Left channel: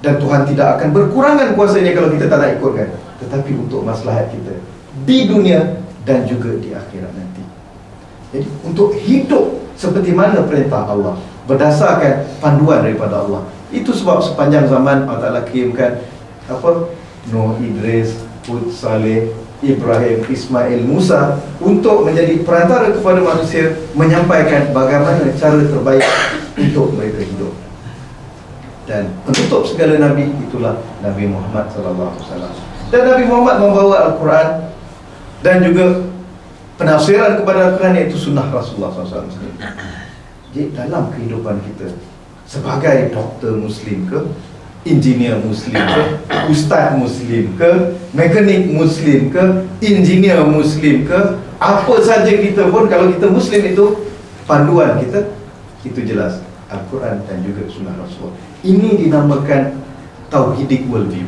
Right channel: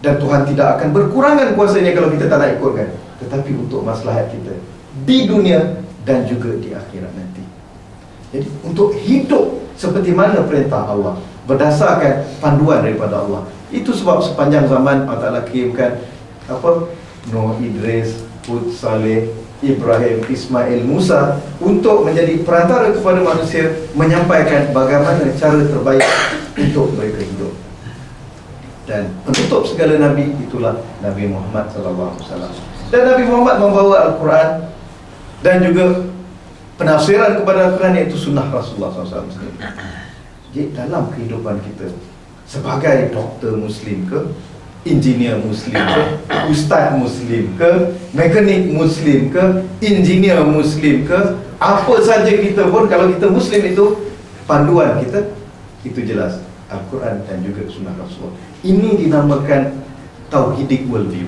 Dan Tuhan tidak akan berkurangan kuasanya kalau kita tak nak ikutkan, tetapi untuk maslahat kita di dunia dan juga di akhirat nanti. Jadi untuk hidup seperti mana perintah Allah, berdasarkan panduan daripada Allah. Itu sebab sepanjang zaman Allah Ta'ala kirimkan Nuh, Idris, Hud, Saleh, Ibrahim, Ismail, Musa untuk menjadi perantara kepada manusia, menyampaikan bagaimana cara terbaik untuk mereka hidup. Dan penutup segala Nabi itulah Nabi Muhammad SAW. Dan Nabi Muhammad membawa Al-Quran dan juga penafsiran kepada Al-Quran, iaitu sunnah Rasulullah SAW. Jadi dalam kehidupan kita sebagai doktor Muslim ke, engineer Muslim ke, ustaz Muslim ke, mekanik Muslim ke, engineer Muslim ke, apa saja kita pun, kalau kita Muslim itu panduan kita itu jelas Al-Quran dan juga sunnah Rasul. Ini dinamakan tauhidik worldview.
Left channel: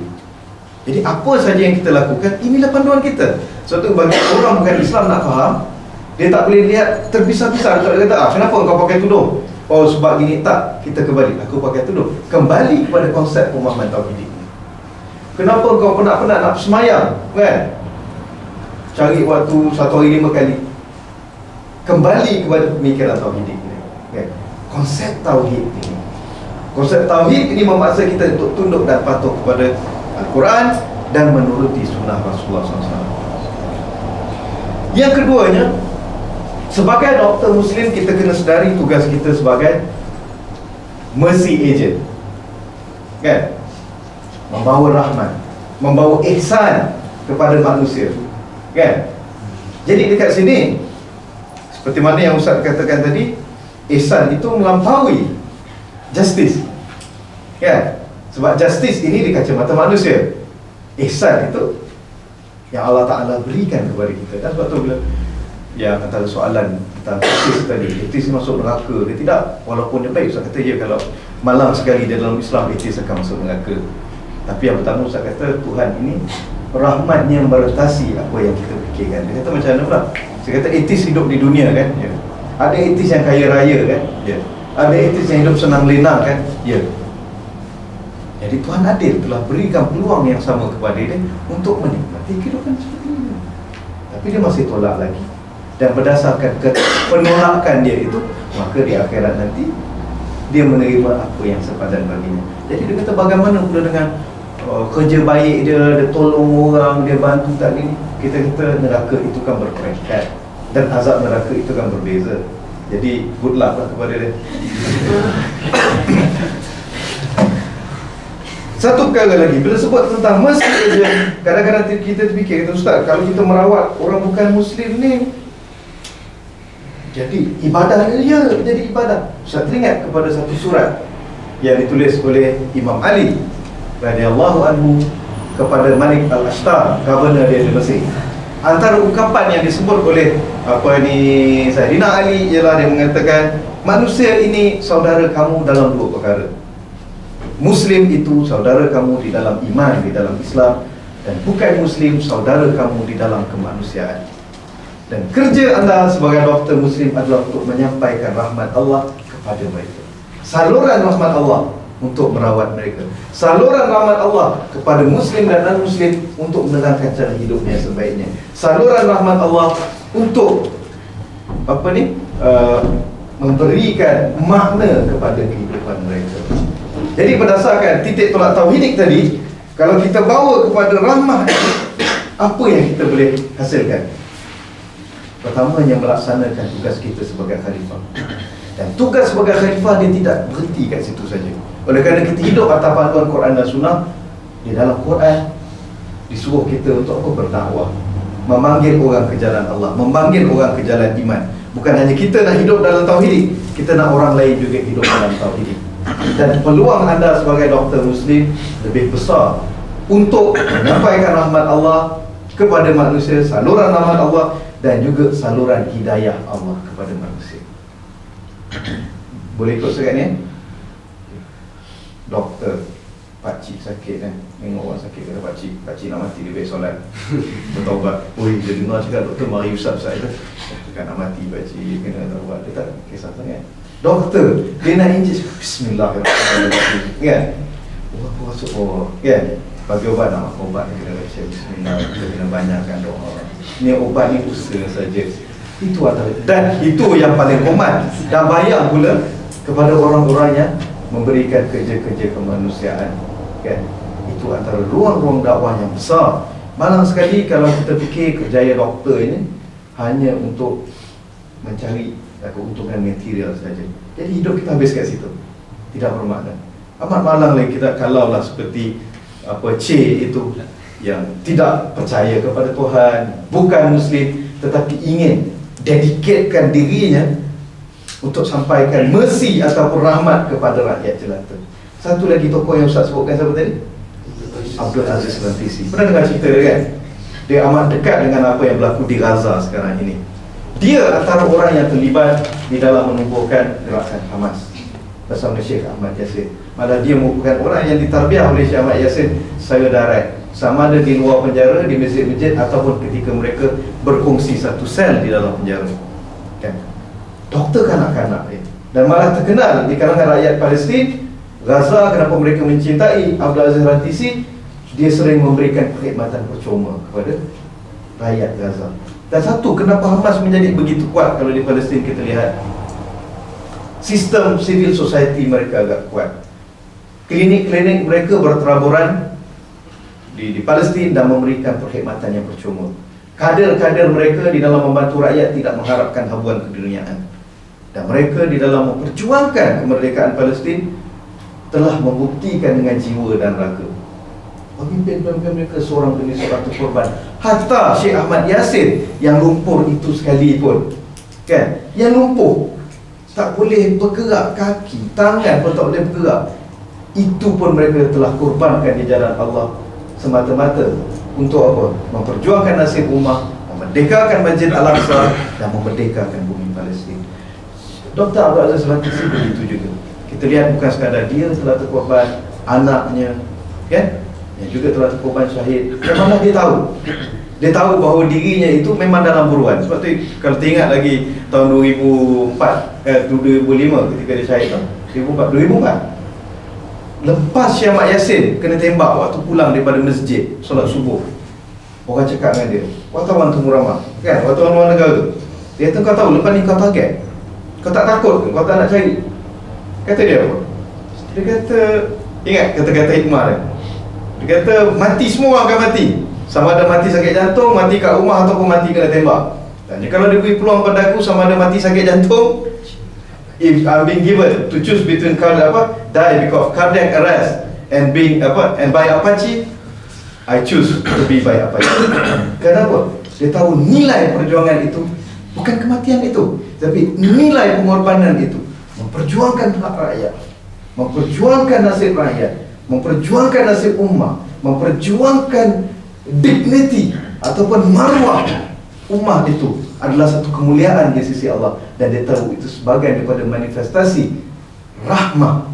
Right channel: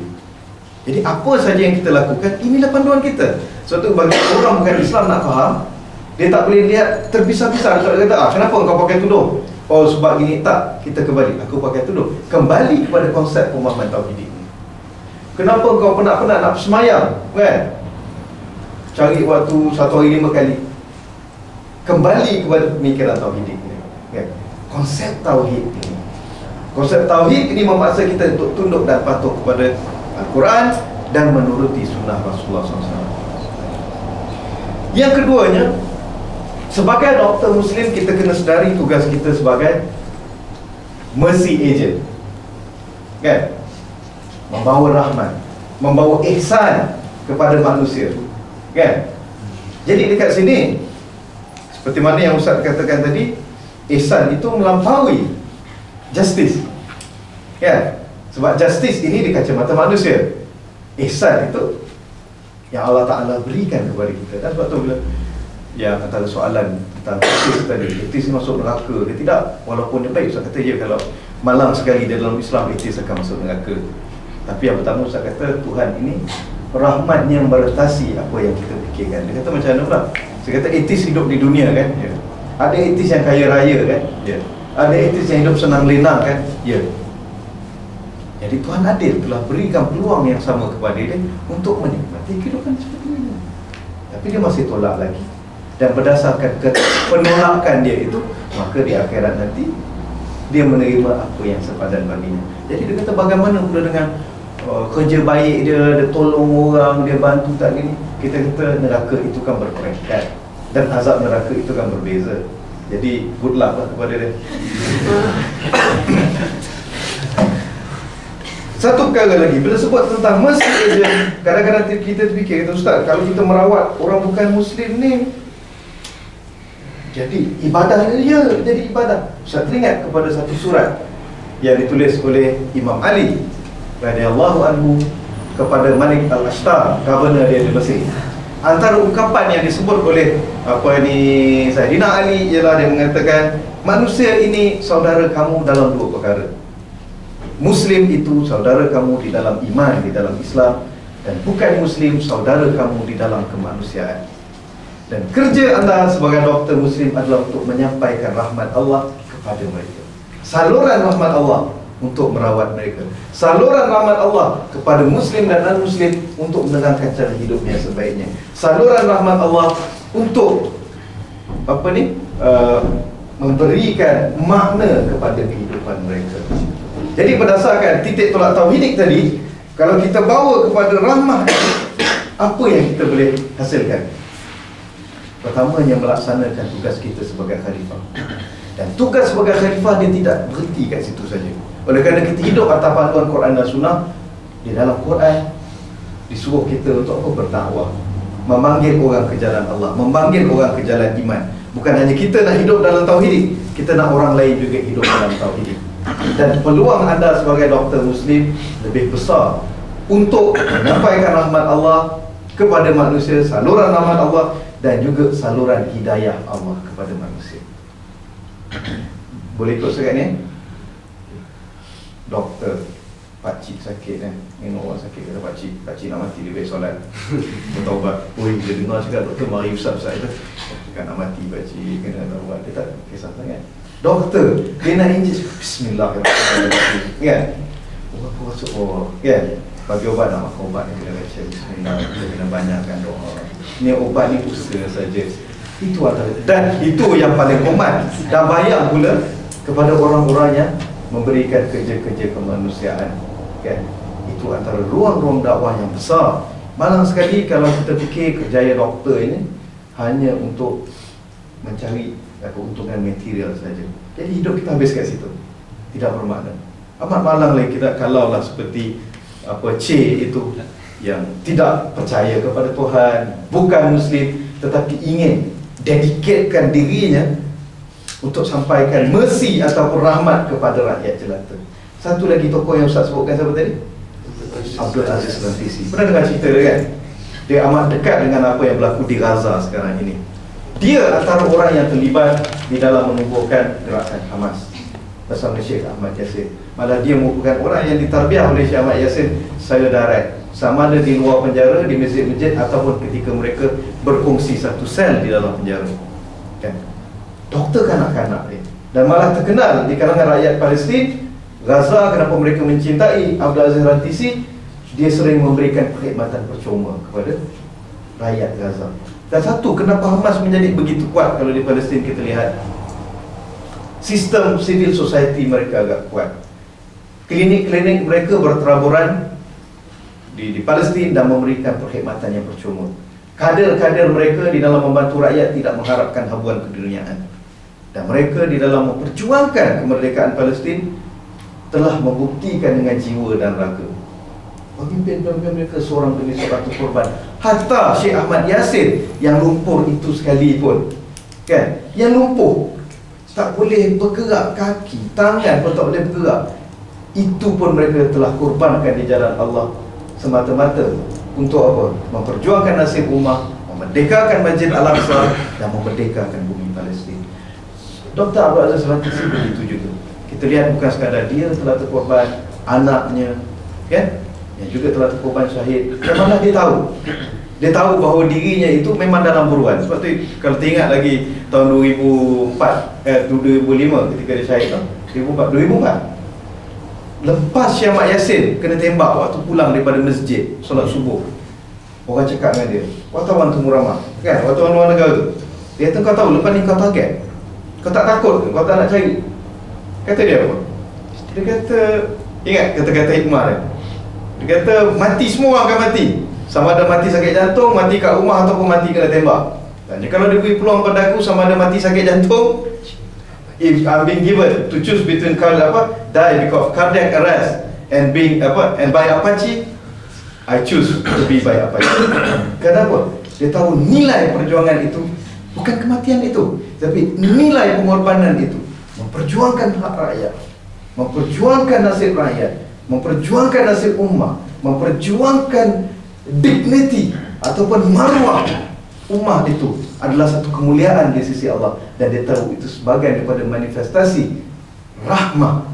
Jadi apa saja yang kita lakukan, inilah panduan kita. Suatu bagi orang bukan Islam nak faham, dia tak boleh lihat terpisah-pisah. Dia kata, kenapa kau pakai tudung? Oh sebab gini. Tak, kita kembali, aku pakai tudung. Kembali kepada konsep pemahaman tauhidik ni. Kenapa kau penat-penat nak semayang, kan? Cari waktu 1 hari 5 kali. Kembali kepada pemikiran tauhidik ni, kan? Konsep tauhid ini, konsep tauhid ini memaksa kita untuk tunduk dan patuh kepada Al-Quran dan menuruti sunnah Rasulullah SAW. Yang keduanya, sebagai doktor Muslim, kita kena sedari tugas kita sebagai mercy agent, kan? Membawa rahmat, membawa ihsan kepada manusia, kan? Jadi dekat sini, seperti mana yang Ustaz katakan tadi, ihsan itu melampaui justice, kan? Sebab justice ini di kacamata manusia, ihsan itu yang Allah Ta'ala berikan kepada kita. Dan sebab tu bila yang antara soalan tentang etis tadi, etis masuk neraka dia tidak, walaupun dia baik, Ustaz kata ya, kalau malang sekali dia dalam Islam, etis akan masuk neraka. Tapi yang pertama Ustaz kata, Tuhan ini rahmatnya membatasi apa yang kita fikirkan. Dia kata macam mana pula? Saya kata etis hidup di dunia, kan? Ya. Ada etis yang kaya raya, kan? Ya. Ada etis yang hidup senang lenang, kan? Ya. Jadi Tuhan adil, telah berikan peluang yang sama kepada dia untuk menikmati kehidupan seperti ini. Tapi dia masih tolak lagi. Dan berdasarkan penolakan dia itu, maka di akhirat nanti dia menerima apa yang sepadan baginya. Jadi dia kata bagaimana pula dengan kerja baik dia tolong orang, dia bantu tak gini. Kita kata neraka itu kan berperingkat dan azab neraka itu kan berbeza. Jadi good luck lah kepada dia. Satu perkara lagi, bila sebut tentang mercy agent, kadang-kadang kita terfikir, kata Ustaz, kalau kita merawat orang bukan Muslim ni, jadi ibadah dia jadi ibadah. Ustaz teringat kepada satu surat yang ditulis oleh Imam Ali radhiyallahu anhu kepada Malik Al-Ashtar, governor dia di Mesir. Antara ungkapan yang disebut oleh Sayyidina Ali ialah dia mengatakan, manusia ini saudara kamu dalam 2 perkara. Muslim itu saudara kamu di dalam iman, di dalam Islam, dan bukan Muslim saudara kamu di dalam kemanusiaan. Dan kerja anda sebagai doktor Muslim adalah untuk menyampaikan rahmat Allah kepada mereka. Saluran rahmat Allah untuk merawat mereka. Saluran rahmat Allah kepada Muslim dan non-Muslim untuk menerangkan cara hidupnya sebaiknya. Saluran rahmat Allah untuk memberikan makna kepada kehidupan mereka. Jadi berdasarkan titik tolak tauhidik tadi, kalau kita bawa kepada rahmah, apa yang kita boleh hasilkan? Pertamanya melaksanakan tugas kita sebagai khalifah. Dan tugas sebagai khalifah dia tidak berhenti kat situ saja. Oleh kerana kita hidup atas panduan Quran dan Sunnah, di dalam Quran disuruh kita untuk apa? Berdakwah, memanggil orang ke jalan Allah, memanggil orang ke jalan iman. Bukan hanya kita nak hidup dalam tauhid, kita nak orang lain juga hidup dalam tauhid. Dan peluang anda sebagai doktor Muslim lebih besar untuk menyampaikan rahmat Allah kepada manusia, saluran rahmat Allah dan juga saluran hidayah Allah kepada manusia. Boleh ikut sekat ni? Doktor, pakcik sakit kan, tengok orang sakit, kata pakcik nak mati, dia baik solat, bertaubat. Oi, dia dengar cakap doktor mari usap saya tu, cakap nak mati pakcik, kena taubat. Dia tak kisah sangat. Doktor, dia nak injek, bismillahirrahmanirrahim, kan? Aku rasa kan, bagi obat nak makan ubat kita kena baca bismillah, kita kena banyakkan doa. Ni obat ni usaha saja. Itu antara, dan itu yang paling komat dan bayang pula kepada orang-orang yang memberikan kerja-kerja kemanusiaan, kan. Itu antara ruang-ruang dakwah yang besar. Malang sekali kalau kita fikir kerjaya doktor ini hanya untuk mencari keuntungan material saja. Jadi hidup kita habis kat situ, tidak bermakna. Amat malang lagi kita kalaulah seperti C itu yang tidak percaya kepada Tuhan, bukan Muslim, tetapi ingin dedikatkan dirinya untuk sampaikan mercy ataupun rahmat kepada rakyat jelata. Satu lagi tokoh yang Ustaz sebutkan siapa tadi? Abdul Aziz Rantisi. Pernah dengar cerita dia kan? Dia amat dekat dengan apa yang berlaku di Gaza sekarang ini. Dia antara orang yang terlibat di dalam menumbuhkan gerakan Hamas bersama Syekh Ahmad Yassin. Malah dia merupakan orang yang ditarbiah oleh Syekh Ahmad Yassin secara direct, sama ada di luar penjara, di masjid-masjid, ataupun ketika mereka berkongsi satu sel di dalam penjara, kan? Doktor kanak-kanak dia, dan malah terkenal di kalangan rakyat Palestin Gaza. Kenapa mereka mencintai Abdul Aziz Rantisi? Dia sering memberikan perkhidmatan percuma kepada rakyat Gaza. Dan satu, kenapa Hamas menjadi begitu kuat kalau di Palestin kita lihat sistem civil society mereka agak kuat. Klinik-klinik mereka berteraburan di Palestin dan memberikan perkhidmatan yang percuma. Kader-kader mereka di dalam membantu rakyat tidak mengharapkan habuan keduniaan. Dan mereka di dalam memperjuangkan kemerdekaan Palestin telah membuktikan dengan jiwa dan raga. Pemimpin-pemimpin mereka seorang demi seorang korban. Hatta Syekh Ahmad Yassin yang lumpur itu sekalipun, kan, yang lumpuh, tak boleh bergerak kaki, tangan pun tak boleh bergerak, itu pun mereka telah korbankan di jalan Allah semata-mata untuk apa? Memperjuangkan nasib ummah, memerdekakan Masjid Al-Aqsa dan memerdekakan bumi Palestin. Dr. Abdul Aziz Rantisi begitu juga. Kita lihat bukan sekadar dia telah terkorban, anaknya, kan, yang juga telah terkorban syahid. Memanglah dia tahu bahawa dirinya itu memang dalam buruan. Sebab tu kalau teringat lagi tahun 2005 ketika dia syahid, 2004 lepas Syekh Ahmad Yassin kena tembak waktu pulang daripada masjid solat subuh, orang cakap dengan dia, wartawan temu ramah, kan, wartawan luar negara tu, dia kata, kau tahu lepas ni kau target, kau tak takut ke? Kau tak nak cari? Kata dia apa? Dia kata, ingat kata-kata hikmah dia, dia kata mati, semua orang akan mati, sama ada mati sakit jantung, mati kat rumah, ataupun mati kena tembak. Dan kalau dia beri peluang pada aku sama ada mati sakit jantung, if I'm being given to choose between die because of cardiac arrest and being and by Apache, I choose to be by Apache. Kenapa? Dia tahu nilai perjuangan itu bukan kematian itu, tapi nilai pengorbanan itu, memperjuangkan hak rakyat, memperjuangkan nasib rakyat, memperjuangkan nasib ummah, memperjuangkan dignity ataupun marwah ummah itu adalah satu kemuliaan di sisi Allah. Dan dia tahu itu sebagai daripada manifestasi rahmah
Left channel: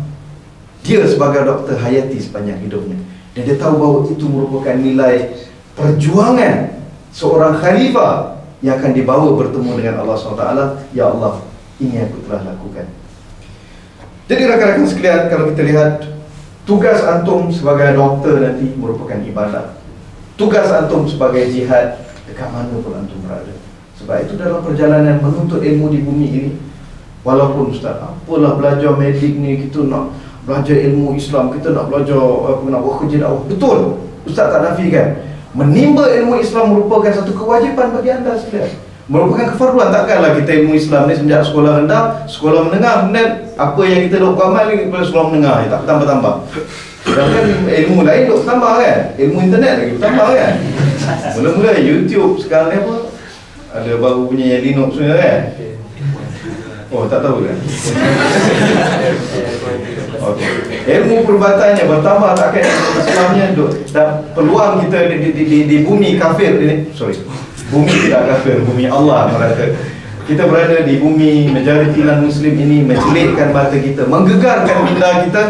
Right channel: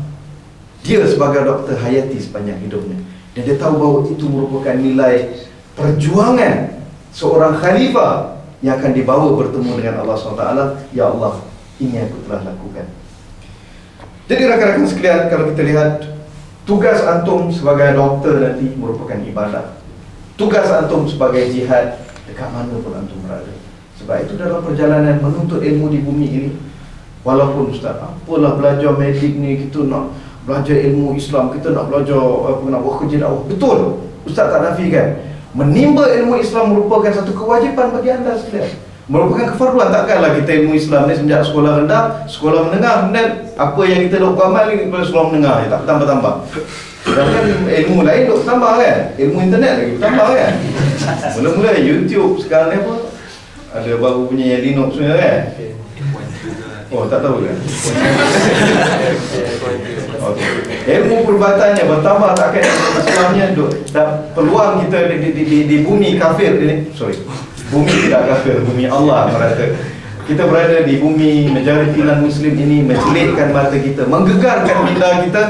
dia sebagai doktor hayati sepanjang hidupnya. Dan dia tahu bahawa itu merupakan nilai perjuangan seorang khalifah yang akan dibawa bertemu dengan Allah SWT. Ya Allah, ini aku telah lakukan. Jadi rakan-rakan sekalian, kalau kita lihat, tugas antum sebagai doktor nanti merupakan ibadah. Tugas antum sebagai jihad dekat mana pun antum berada. Sebab itu dalam perjalanan menuntut ilmu di bumi ini, walaupun Ustaz, apalah belajar medik ni, kita nak belajar ilmu Islam, kita nak belajar nak buat kerja dakwah. Betul, Ustaz tak nafikan. Menimba ilmu Islam merupakan satu kewajipan bagi anda sekalian, merupakan kefarduan. Takkanlah kita ilmu Islam ni semenjak sekolah rendah, sekolah menengah, kemudian apa yang kita duk amal ni pada sekolah menengah je, tak bertambah-tambah. Sedangkan ilmu lain duk bertambah kan, ilmu internet lagi bertambah kan. Mula-mula YouTube, sekarang ni apa, ada baru punya yang Linux punya kan. Oh, tak tahu kan? Okay. Ilmu perbatannya bertambah, takkan Islamnya dan peluang kita di bumi kafir ini, bumi tidak kafir, bumi Allah merata. Kita berada di bumi majoriti non-Muslim ini, mencelikkan mata kita, menggegarkan minda kita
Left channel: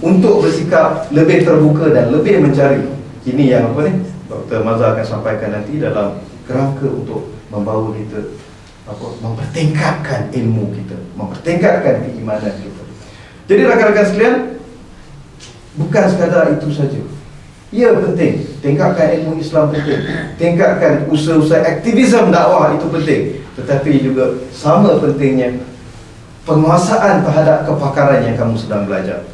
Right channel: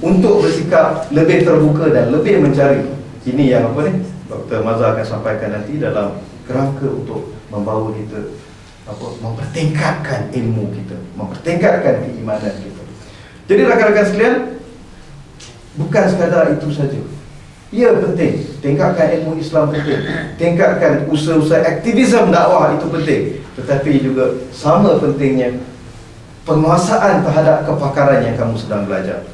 untuk bersikap lebih terbuka dan lebih mencari. Ini yang apa ni, Dr. Mazhar akan sampaikan nanti dalam kerangka untuk membawa kita mempertingkatkan ilmu kita, mempertingkatkan keimanan kita. Jadi rakan-rakan sekalian, bukan sekadar itu saja. Ya, penting. Tingkatkan ilmu Islam penting. Tingkatkan usaha-usaha aktivisme dakwah itu penting. Tetapi juga sama pentingnya penguasaan terhadap kepakaran yang kamu sedang belajar.